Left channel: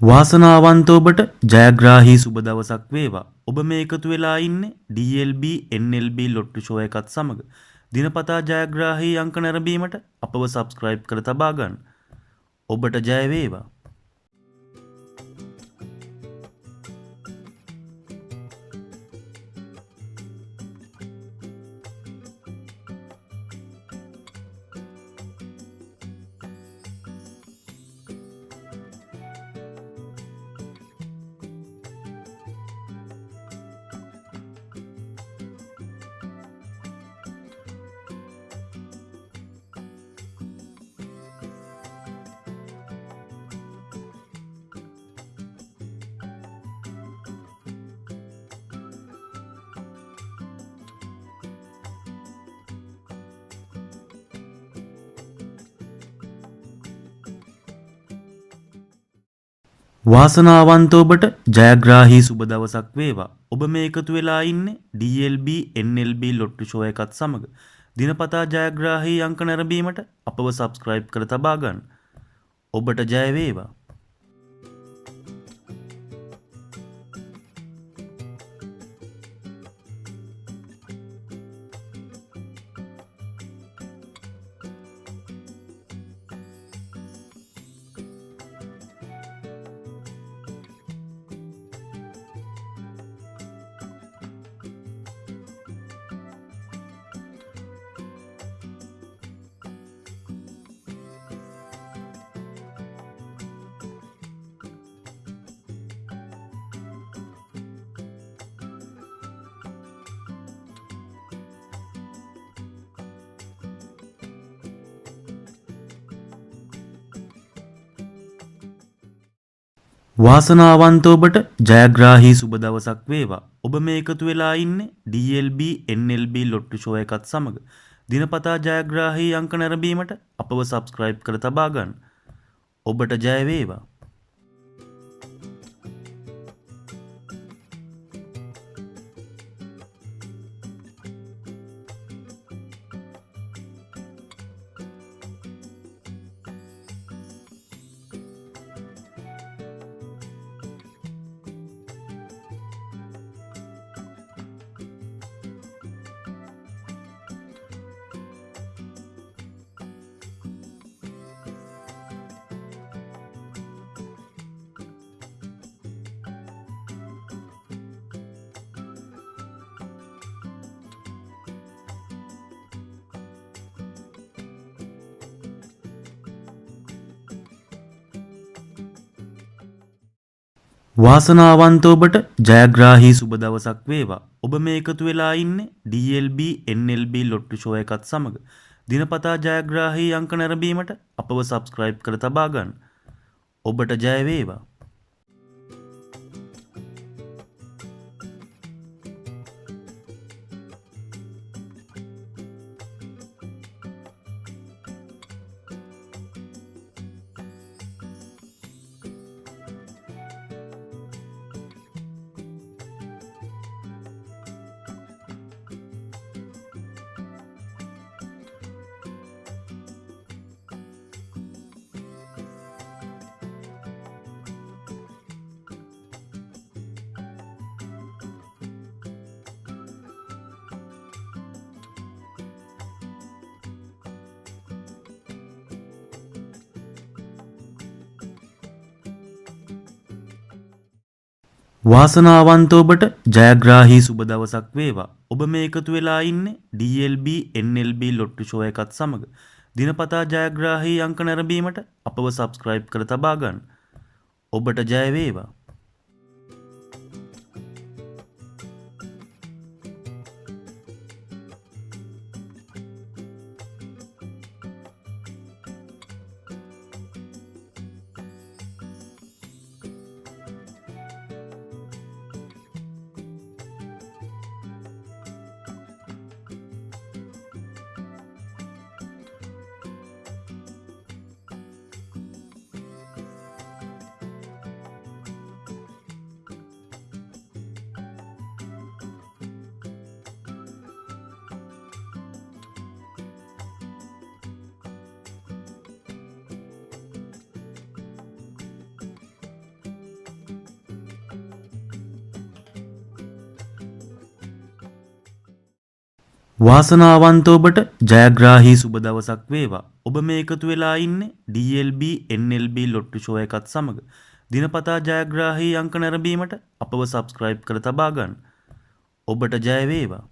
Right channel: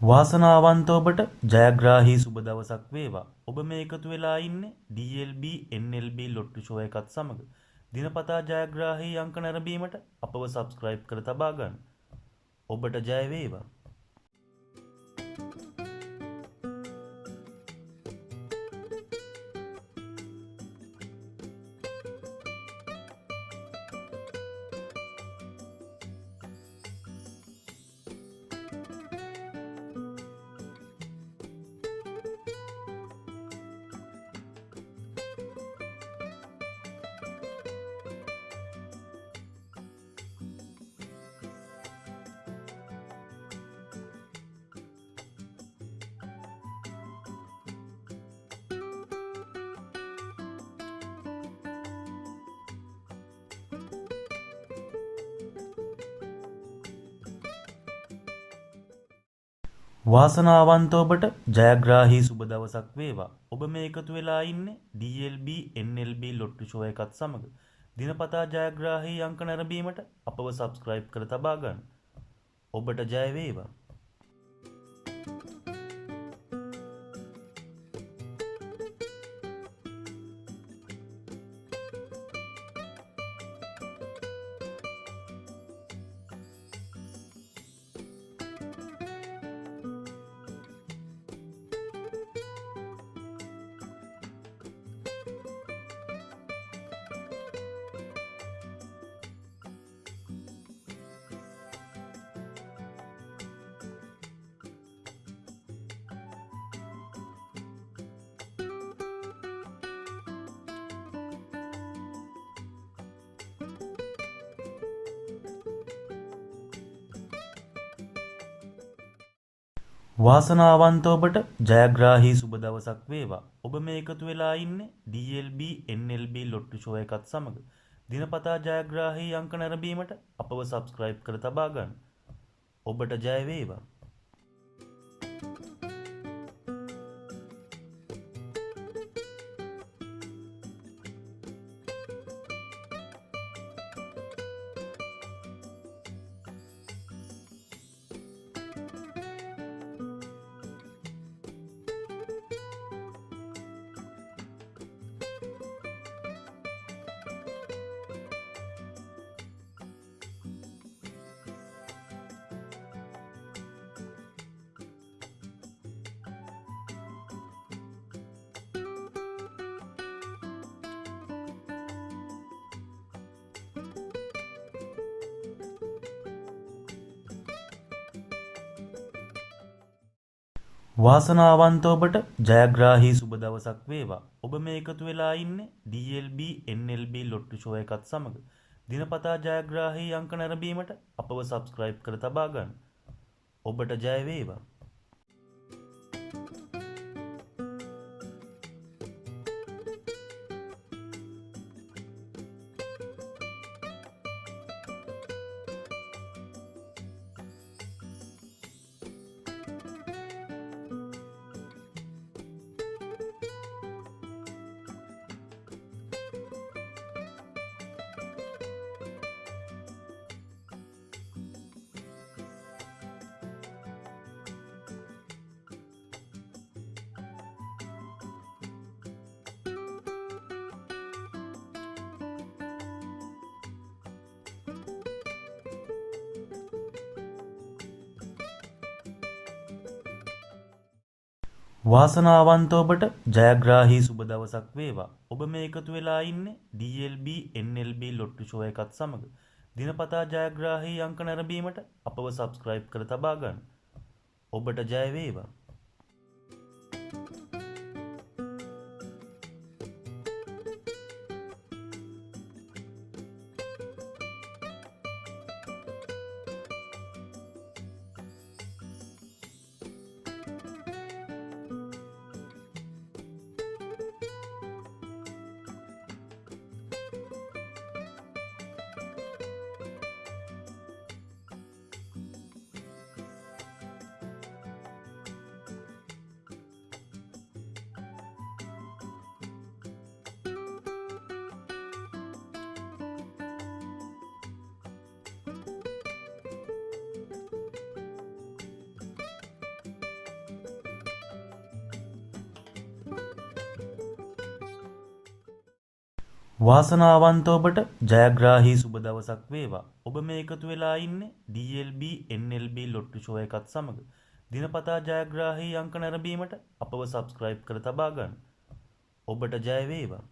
වාසනාවන්ත ඔබට ජයග්‍රාහී සුබ දවසක් වේවා. ඔබ මේ එකතු වෙලා ඉන්නේ DLB NLB ලොට්ටු ෂෝ එකත් සමග. දිනපතා ජයග්‍රාහී අංක නැරඹීමට අපව සබ්ස්ක්‍රයිබ් කර තබා ගන්න. ඔබට ජය වේවා. වාසනාවන්ත ඔබට ජයග්‍රාහී සුබ දවසක් වේවා. ඔබ මේ එකතු වෙලා ඉන්නේ DLB NLB ලොට්ටු ෂෝ එකත් සමග. දිනපතා ජයග්‍රාහී අංක නැරඹීමට අපව සබ්ස්ක්‍රයිබ් කර තබා ගන්න. ඔබට ජය වේවා. වාසනාවන්ත ඔබට ජයග්‍රාහී සුබ දවසක් වේවා. ඔබ මේ එකතු වෙලා ඉන්නේ DLB NLB ලොට්ටු ෂෝ එකත් සමග. දිනපතා ජයග්‍රාහී අංක නැරඹීමට අපව සබ්ස්ක්‍රයිබ් කර තබා ගන්න. ඔබට ජය වේවා. වාසනාවන්ත ඔබට ජයග්‍රාහී සුබ දවසක් වේවා. ඔබ මේ එකතු වෙලා ඉන්නේ DLB NLB ලොට්ටු ෂෝ එකත් සමග. දිනපතා ජයග්‍රාහී අංක නැරඹීමට අපව සබ්ස්ක්‍රයිබ් කර තබා ගන්න. ඔබට ජය වේවා. වාසනාවන්ත ඔබට ජයග්‍රාහී සුබ දවසක් වේවා. ඔබ මේ එකතු වෙලා ඉන්නේ DLB NLB ලොට්ටු ෂෝ එකත් සමග. දිනපතා ජයග්‍රාහී අංක නැරඹීමට අපව සබ්ස්ක්‍රයිබ් කර තබා ගන්න. ඔබට ජය වේවා. වාසනාවන්ත ඔබට ජයග්‍රාහී සුබ දවසක් වේවා. ඔබ මේ එකතු වෙලා ඉන්නේ DLB NLB ලොට්ටු ෂෝ එකත් සමග. දිනපතා ජයග්‍රාහී අංක නැරඹීමට අපව සබ්ස්ක්‍රයිබ් කර තබා ගන්න. ඔබට ජය වේවා.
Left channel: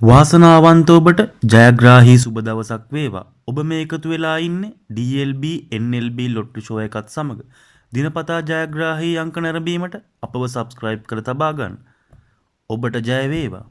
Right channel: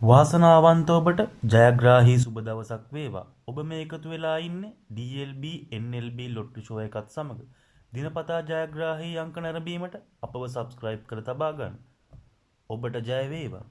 වාසනාවන්ත ඔබට ජයග්‍රාහී සුබ දවසක් වේවා. ඔබ මේ එකතු වෙලා ඉන්නේ DLB NLB ලොට්ටු ෂෝ එකත් සමග. දිනපතා ජයග්‍රාහී අංක නැරඹීමට අපව සබ්ස්ක්‍රයිබ් කර තබා ගන්න. ඔබට ජය වේවා.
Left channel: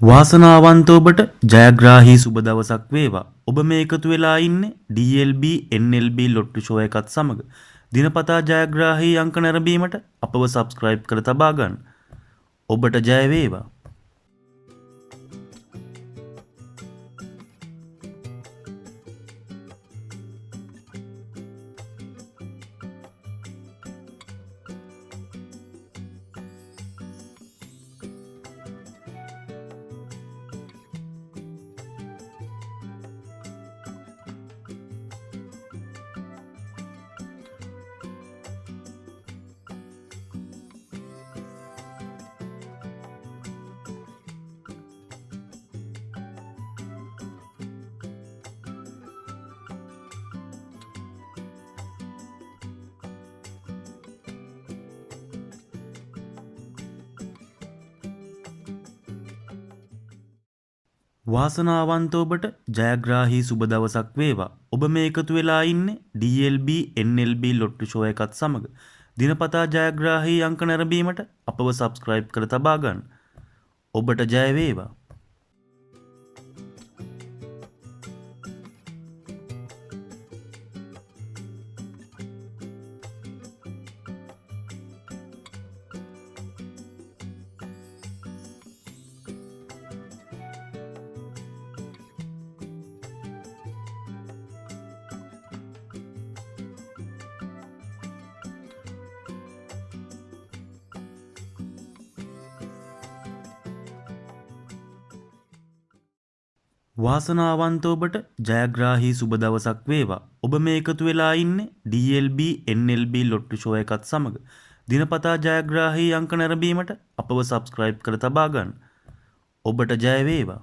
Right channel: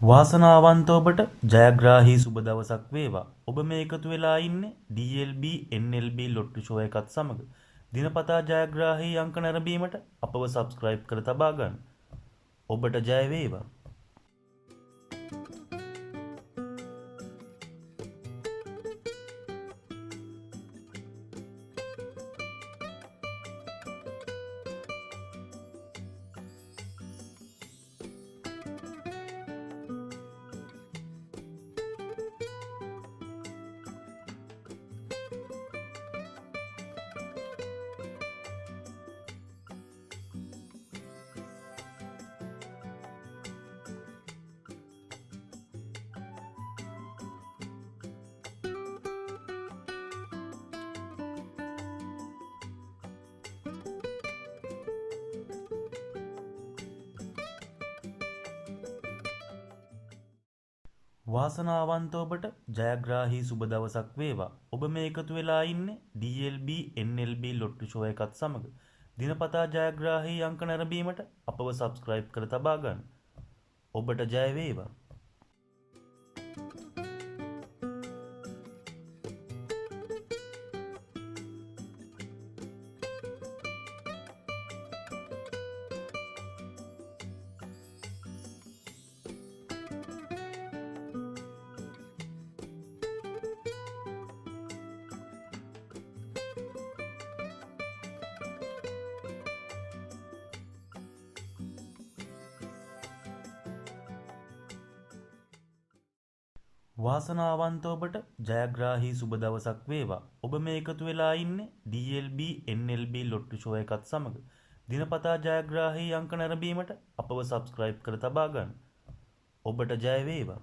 වාසනාවන්ත ඔබට ජයග්‍රාහී සුබ දවසක් වේවා. ඔබ මේ එකතු වෙලා ඉන්නේ DLB NLB ලොට්ටු ෂෝ එකත් සමග. දිනපතා ජයග්‍රාහී අංක නැරඹීමට අපව සබ්ස්ක්‍රයිබ් කර තබා ගන්න. ඔබට ජය වේවා. වාසනාවන්ත ඔබට ජයග්‍රාහී සුබ දවසක් වේවා. ඔබ මේ එකතු වෙලා ඉන්නේ DLB NLB ලොට්ටු ෂෝ එකත් සමග. දිනපතා ජයග්‍රාහී අංක නැරඹීමට අපව සබ්ස්ක්‍රයිබ් කර තබා ගන්න. ඔබට ජය වේවා. වාසනාවන්ත ඔබට ජයග්‍රාහී සුබ දවසක් වේවා. ඔබ මේ එකතු වෙලා ඉන්නේ DLB NLB ලොට්ටු ෂෝ එකත් සමග. දිනපතා ජයග්‍රාහී අංක නැරඹීමට අපව සබ්ස්ක්‍රයිබ් කර තබා ගන්න. ඔබට ජය වේවා.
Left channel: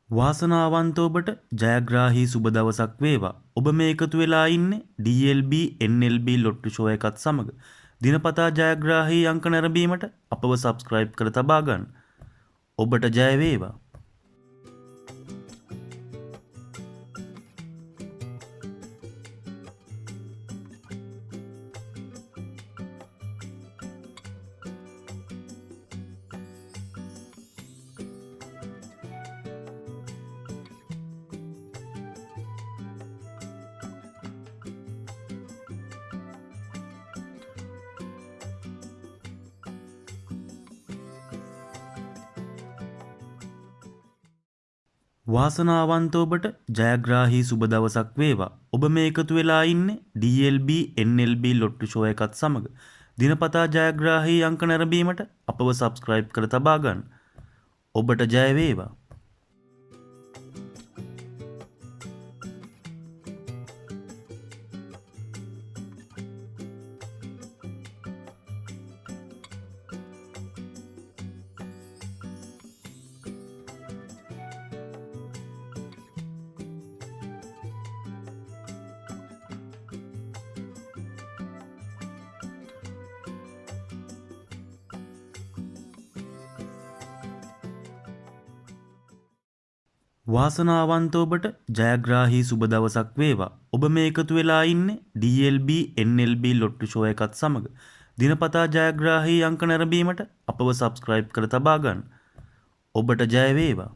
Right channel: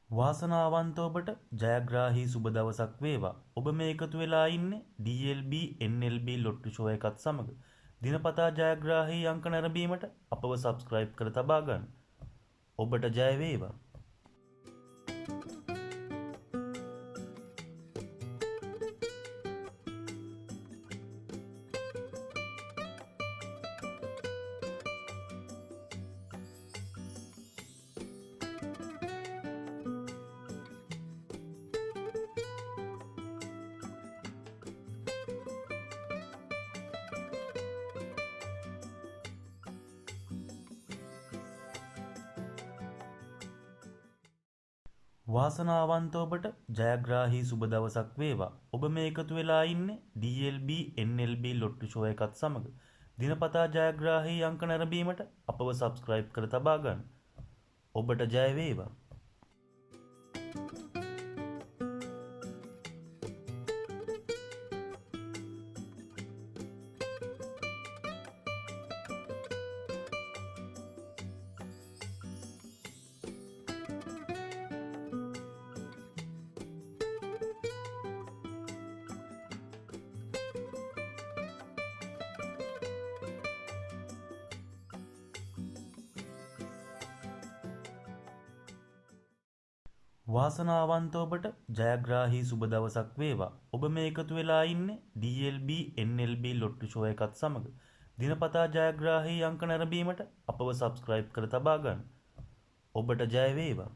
වාසනාවන්ත ඔබට ජයග්‍රාහී සුබ දවසක් වේවා. ඔබ මේ එකතු වෙලා ඉන්නේ DLB NLB ලොට්ටු ෂෝ එකත් සමග. දිනපතා ජයග්‍රාහී අංක නැරඹීමට අපව සබ්ස්ක්‍රයිබ් කර තබා ගන්න. ඔබට ජය වේවා. වාසනාවන්ත ඔබට ජයග්‍රාහී සුබ දවසක් වේවා. ඔබ මේ එකතු වෙලා ඉන්නේ DLB NLB ලොට්ටු ෂෝ එකත් සමග. දිනපතා ජයග්‍රාහී අංක නැරඹීමට අපව සබ්ස්ක්‍රයිබ් කර තබා ගන්න. ඔබට ජය වේවා. වාසනාවන්ත ඔබට ජයග්‍රාහී සුබ දවසක් වේවා. ඔබ මේ එකතු වෙලා ඉන්නේ DLB NLB ලොට්ටු ෂෝ එකත් සමග. දිනපතා ජයග්‍රාහී අංක නැරඹීමට අපව සබ්ස්ක්‍රයිබ් කර තබා ගන්න. ඔබට ජය වේවා.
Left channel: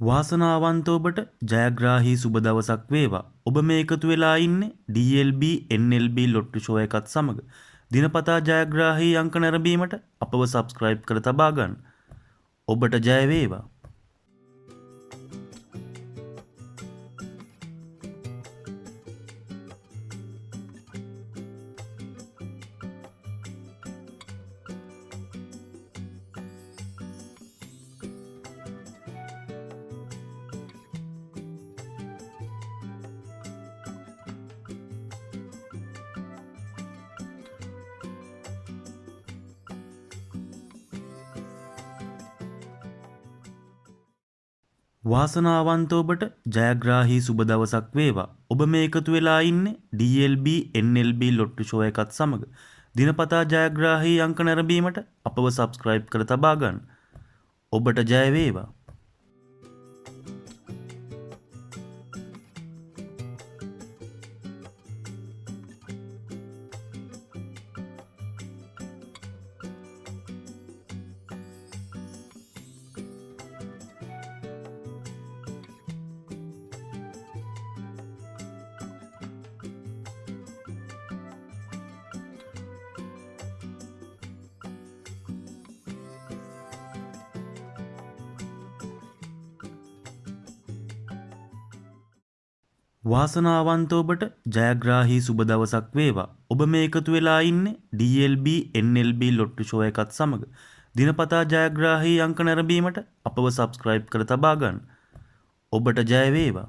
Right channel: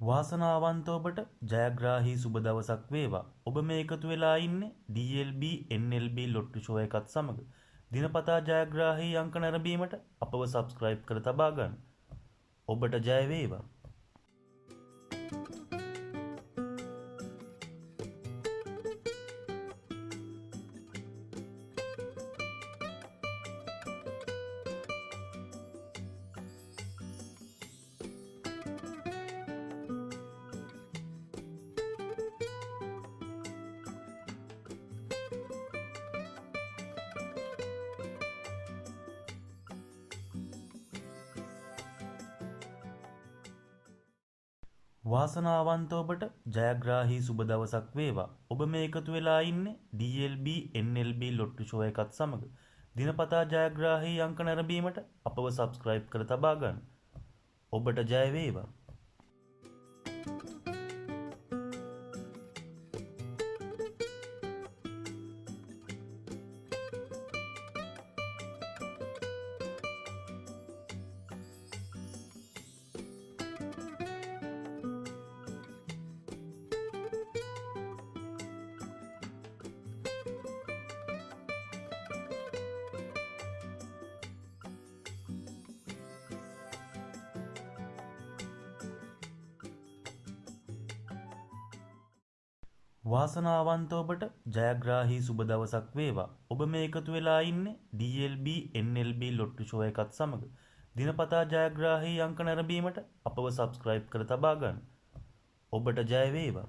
වාසනාවන්ත ඔබට ජයග්‍රාහී සුබ දවසක් වේවා. ඔබ මේ එකතු වෙලා ඉන්නේ DLB NLB ලොට්ටු ෂෝ එකත් සමග. දිනපතා ජයග්‍රාහී අංක නැරඹීමට අපව සබ්ස්ක්‍රයිබ් කර තබා ගන්න. ඔබට ජය වේවා. වාසනාවන්ත ඔබට ජයග්‍රාහී සුබ දවසක් වේවා. ඔබ මේ එකතු වෙලා ඉන්නේ DLB NLB ලොට්ටු ෂෝ එකත් සමග. දිනපතා ජයග්‍රාහී අංක නැරඹීමට අපව සබ්ස්ක්‍රයිබ් කර තබා ගන්න. ඔබට ජය වේවා. වාසනාවන්ත ඔබට ජයග්‍රාහී සුබ දවසක් වේවා. ඔබ මේ එකතු වෙලා ඉන්නේ DLB NLB ලොට්ටු ෂෝ එකත් සමග. දිනපතා ජයග්‍රාහී අංක නැරඹීමට අපව සබ්ස්ක්‍රයිබ් කර තබා ගන්න. ඔබට ජය වේවා.